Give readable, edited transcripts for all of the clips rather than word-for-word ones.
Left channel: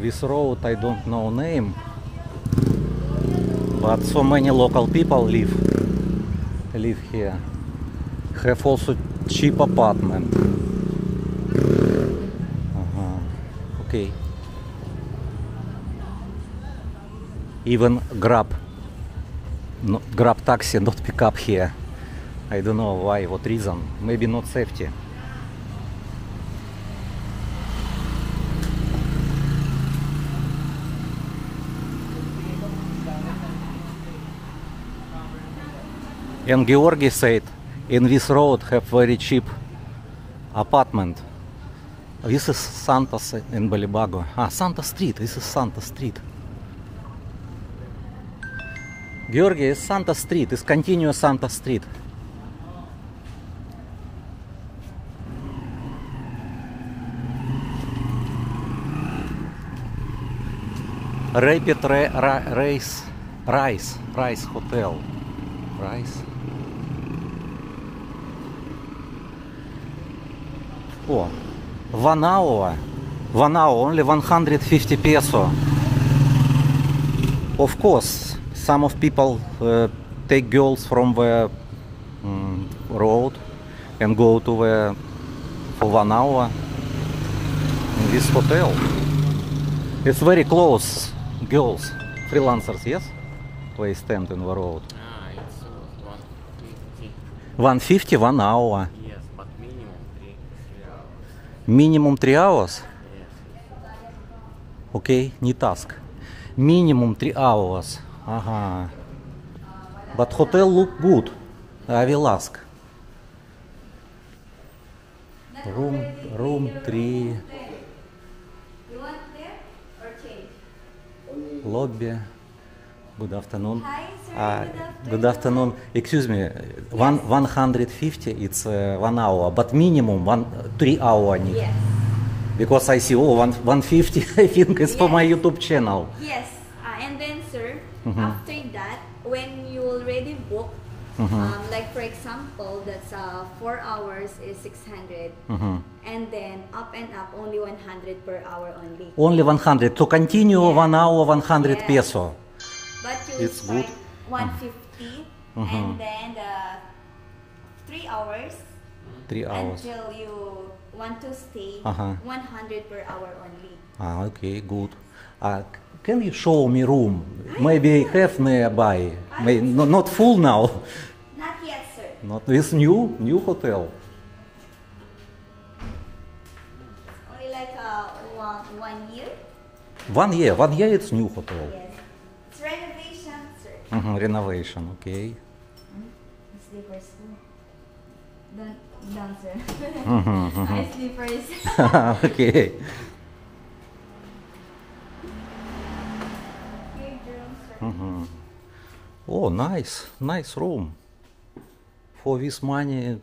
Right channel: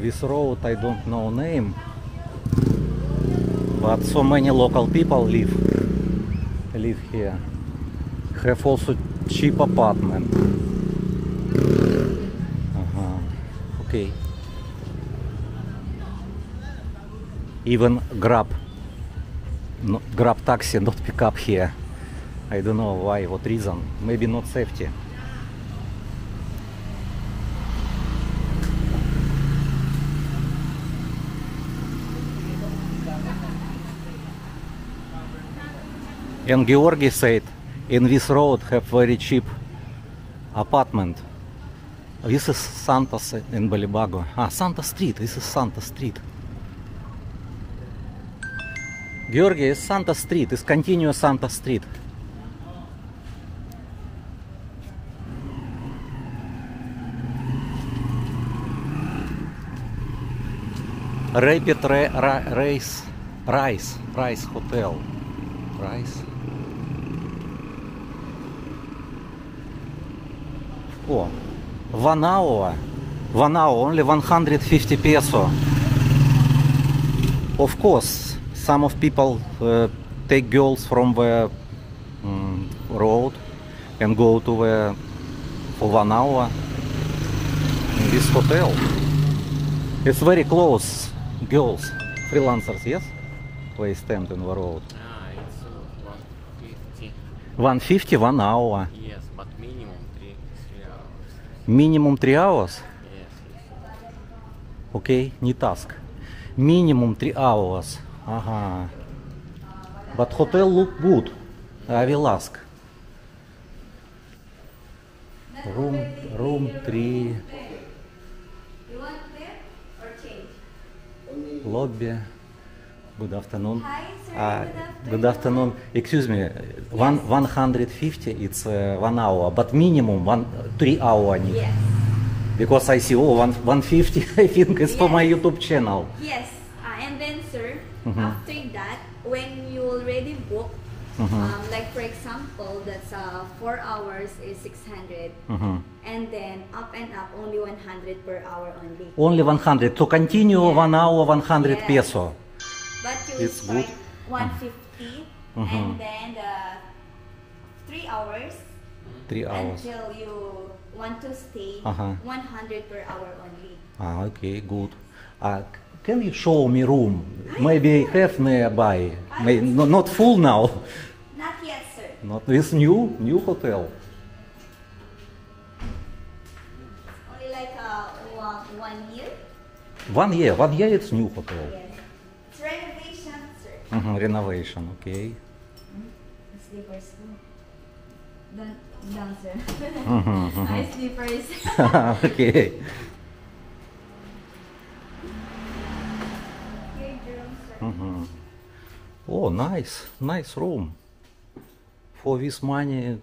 This road I don't know name, but so many local people live here. Have also cheap apartment. Okay. Even Grab taxi not pick up here. I don't know why, what reason. Maybe not safety. And Georgi said, in this road have very cheap apartment. This is Santos in Balibago. Santa Street. This is Santa Street. Georgi is Santa Street. It's continuous Santa Street. Rapid Rice Hotel. Rice. Oh, 1 hour, only 150 peso. Of course, some of people take girls from the road and go to for 1 hour in this hotel. It's very close. Girls, freelancers, yes? They stand in the road. It's 150. 150, 1 hour. Yes, but minimum 3 hours. Minimum 3 hours? Yes. Okay, не task. Minimum 3 hours. But hotel look good. I will ask. Room 3. You want there or change? Lobby. Good afternoon. Hi, sir. Good afternoon. Excuse me. 150. It's 1 hour, but minimum 3 hours. Yes. Because I see 150. I think it's for my YouTube channel. Yes. And then, sir, after that, when you already book, like for example, that's 4 hours is 600, and then up and up only 100 per hour only. Only 100 to continue 1 hour 100 peso. But you It's good. 150, and then 3 hours. 3 hours. Until you want to stay 100 per hour only. Okay, good. Can you show me room? Maybe I have nearby. Not full now. Not yet, sir. Not this new hotel. Only like 1 year. 1 year. 1 year it's new hotel. Yes. It's renovation, sir. Renovation. Okay. Slippers. Down, sir. My slippers. Okay. Oh, nice room. For this money,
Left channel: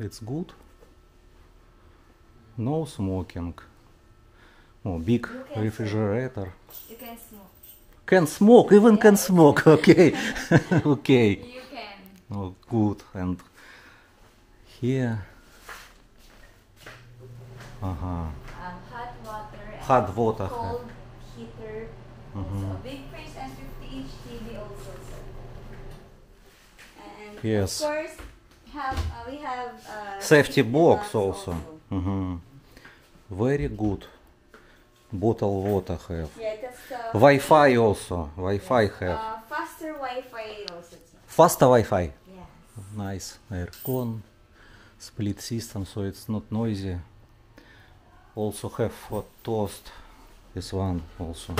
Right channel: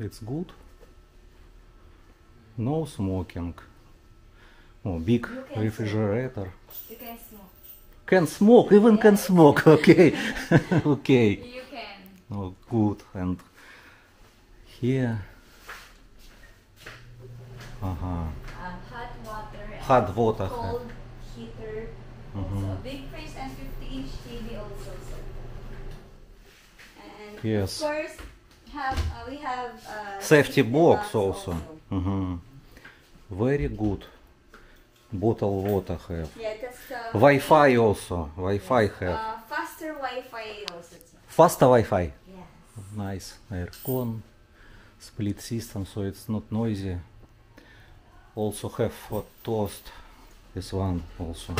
it's good. No smoking. Oh, big refrigerator. You can smoke. Can smoke, even can smoke. Okay, okay. You can. Oh, good. And here, Hot Hot water. water. Cold heater. So big fridge and 50-inch TV also, sir. And Yes. of course, we have Safety box also. Very good. Bottled water have. Yeah, that's Wi-Fi also. Wi-Fi have. faster Wi-Fi also, sir. Faster Wi-Fi. Yes. Nice. Aircon. Split system, so it's not noisy. Also have for toast. This one also.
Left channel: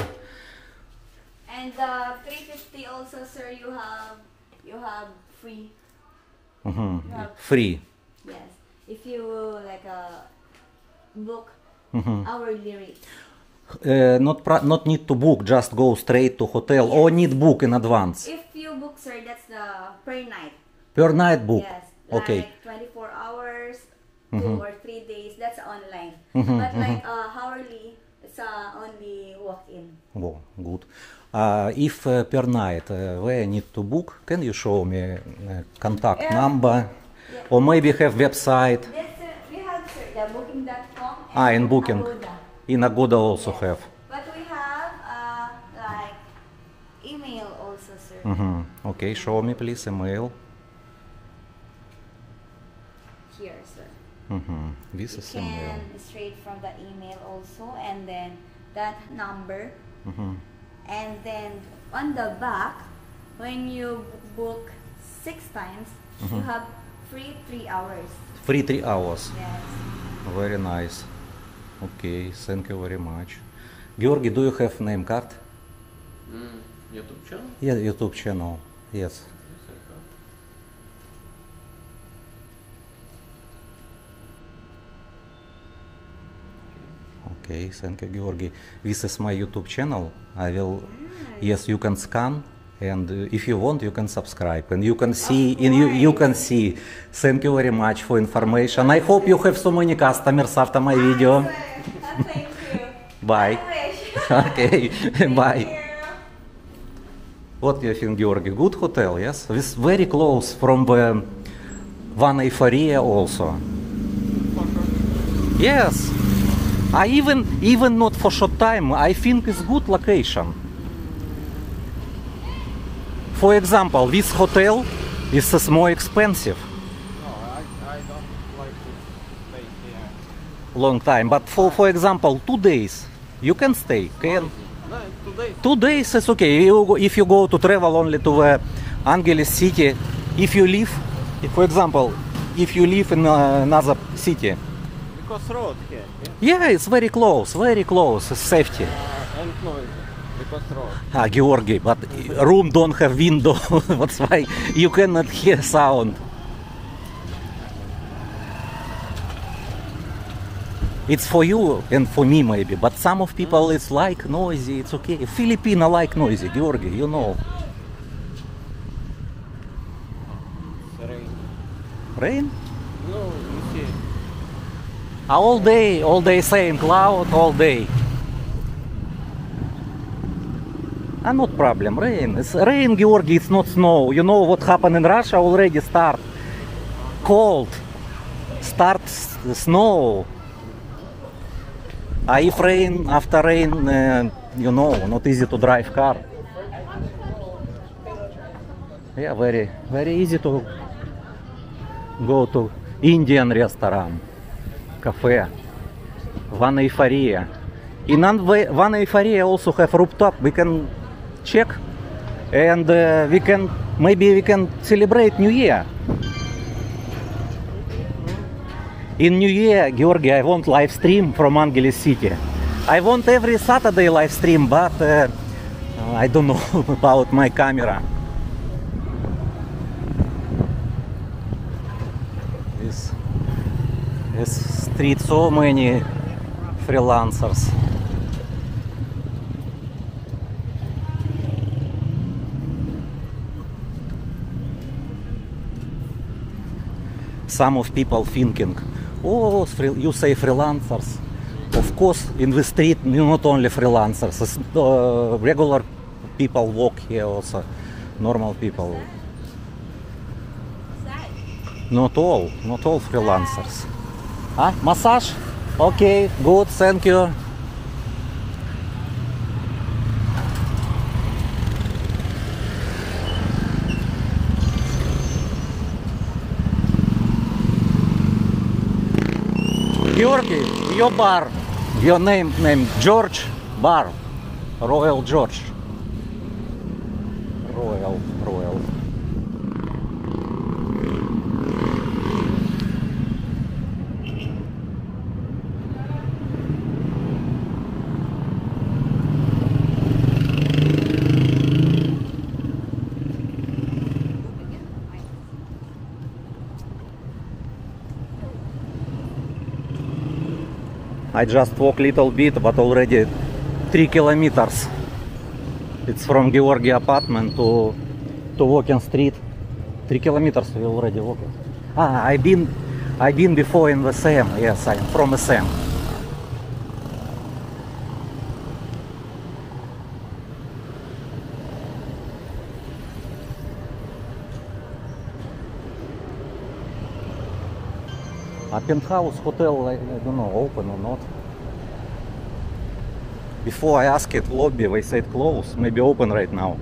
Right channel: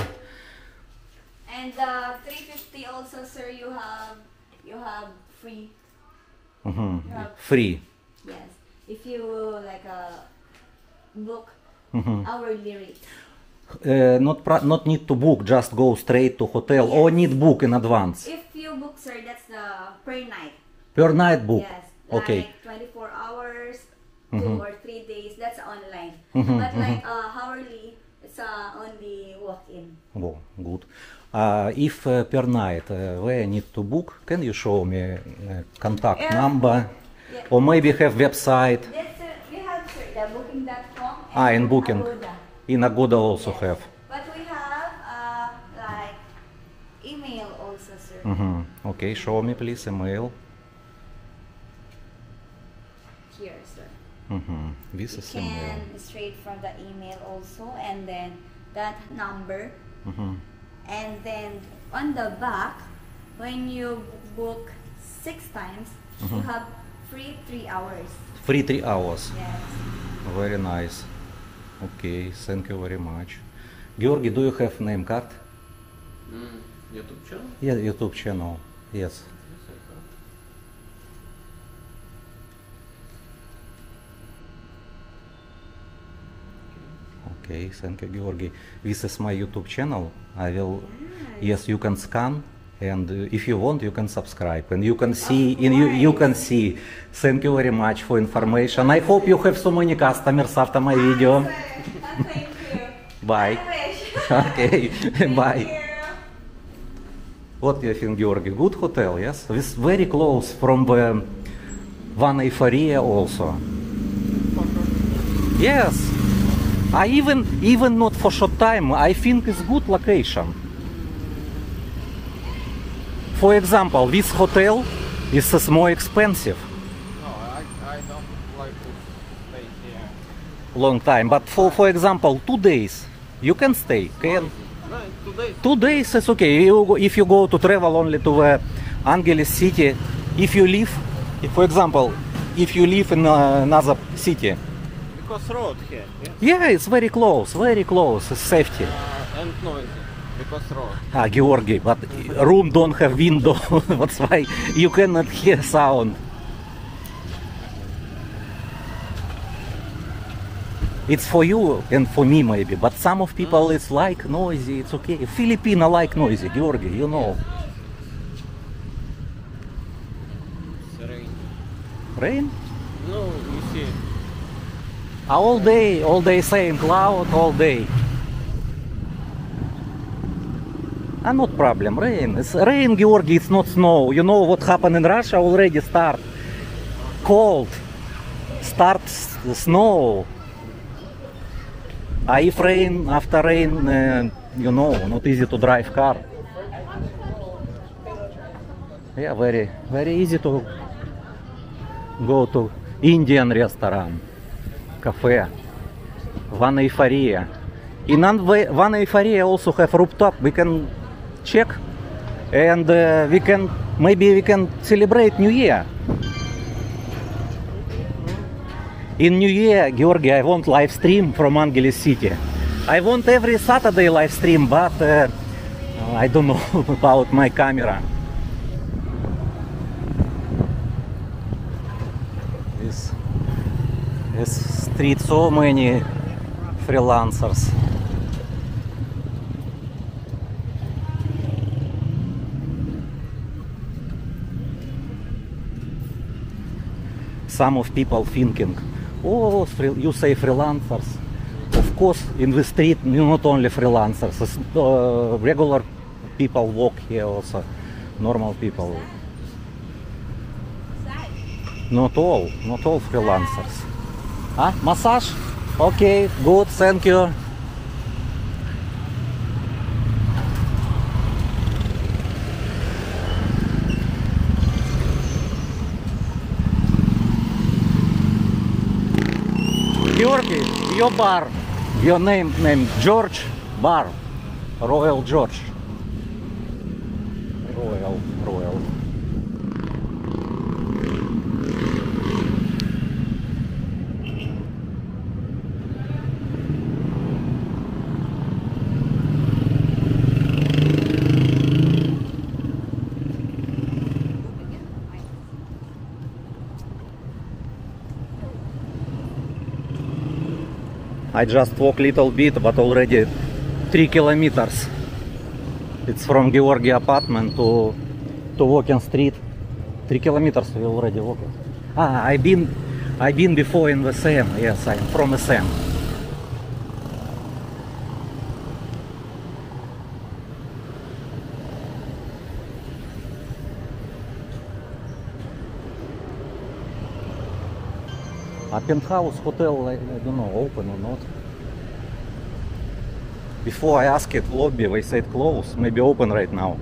And 350 also, sir. You have free. Free. Yes. If you like book hourly rate. Not need to book, just go straight to hotel, or need book in advance. If you book, sir, that's the per night. Per night book. Yes. Okay. Like 24 hours, 2 or 3 days. That's online. But like hourly, it's only walk-in. Oh, good. If per night where I need to book, can you show me contact number? Yeah. Or maybe have website? Yes, sir. We have, sir, the booking.com and In booking. Agoda. In Agoda also Yes. have. But we have Okay, show me please email. Here, sir. This is You email. can straight from the email also, and then that number. And then on the back, when you book 6 times, you have free 3 hours. Free 3 hours. Yes. Very nice. Okay, thank you very much. Georgi, do you have name card? YouTube channel? Yeah, YouTube channel. Yes. Okay, thank you, Georgi. This is my YouTube channel. I will. Yes, you can scan, and if you want, you can subscribe, and you can see. You can see. Thank you very much for information. I hope you have so many customers after my video. Thank you. Bye. I wish. Okay, bye. Thank you. What do you think, Georgi? Good hotel, yes? It's very close from the Vana Euphoria also. Yes. I even not for short time, I think it's good location. For example, this hotel is more expensive. I don't like to stay here. Long time, but for example, 2 days, you can stay. Can? No, today 2 days is okay. If you go to travel only to the Angeles city, if you live, for example, if you live in another city, because road here. yeah, it's very close, it's safety. And noise. Because road. Georgi, but room don't have window, that's why you cannot hear sound. It's for you and for me maybe, but some of people it's like noisy, it's okay. Filipino like noisy, Georgi, you know. Rain. Rain? No, you see. All day same cloud, all day. Not problem, rain. It's rain, Georgi, it's not snow. You know what happened in Russia already start. Cold. Start snow. If rain, after rain, you know, not easy to drive car. Yeah, very easy to go to Indian restaurant, cafe, Vana Euphoria. In Vana Euphoria also have rooftop. We can check, and maybe we can celebrate New Year. In New Year, Georgi, I want live stream from Angeles City. I want every Saturday live stream, but I don't know about my camera. This street, so many freelancers. Some of people thinking, oh, you say freelancers. Of course, in the street, not only freelancers, regular people walk here also, normal people. Not all freelancers. Massage? Okay, good, thank you. Georgi, your bar, your name George Bar, Royal George. Royal. I just walk little bit, but already 3 kilometers. It's from Georgi apartment to walking street. 3 kilometers we already walk. I've been before in the SM. Yes, I'm from SM. A penthouse hotel, I don't know, open or not. Before I asked lobby, they said close, maybe open right now.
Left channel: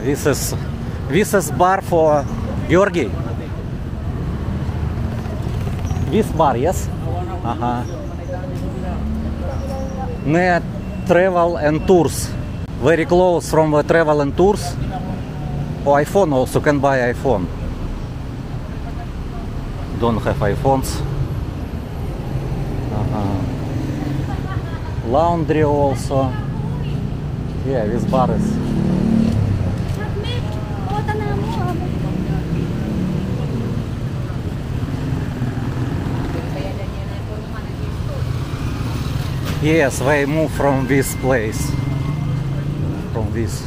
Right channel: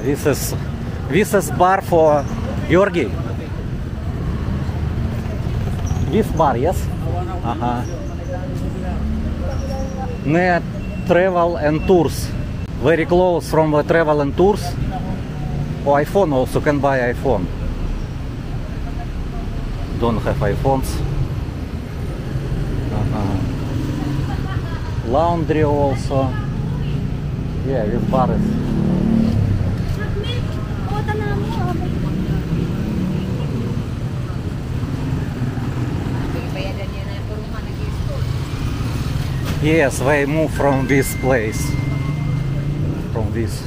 This is bar for Georgi. This bar, yes? Near travel and tours. Very close from the travel and tours. Oh, iPhone also can buy iPhone. Don't have iPhones. Laundry also. Yeah, this bar is. Yes, they move from this place. From this.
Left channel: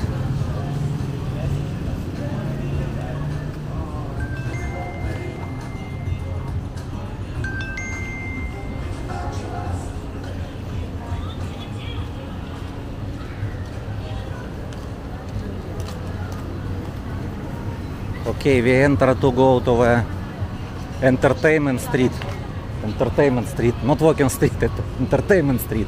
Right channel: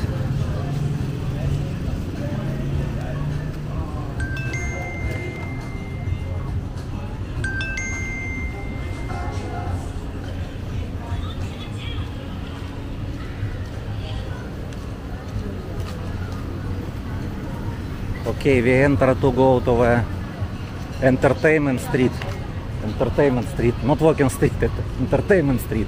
Okay, we enter to go to the Entertainment Street. Entertainment Street, not Walking Street, Entertainment Street.